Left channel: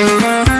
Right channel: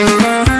Thank you.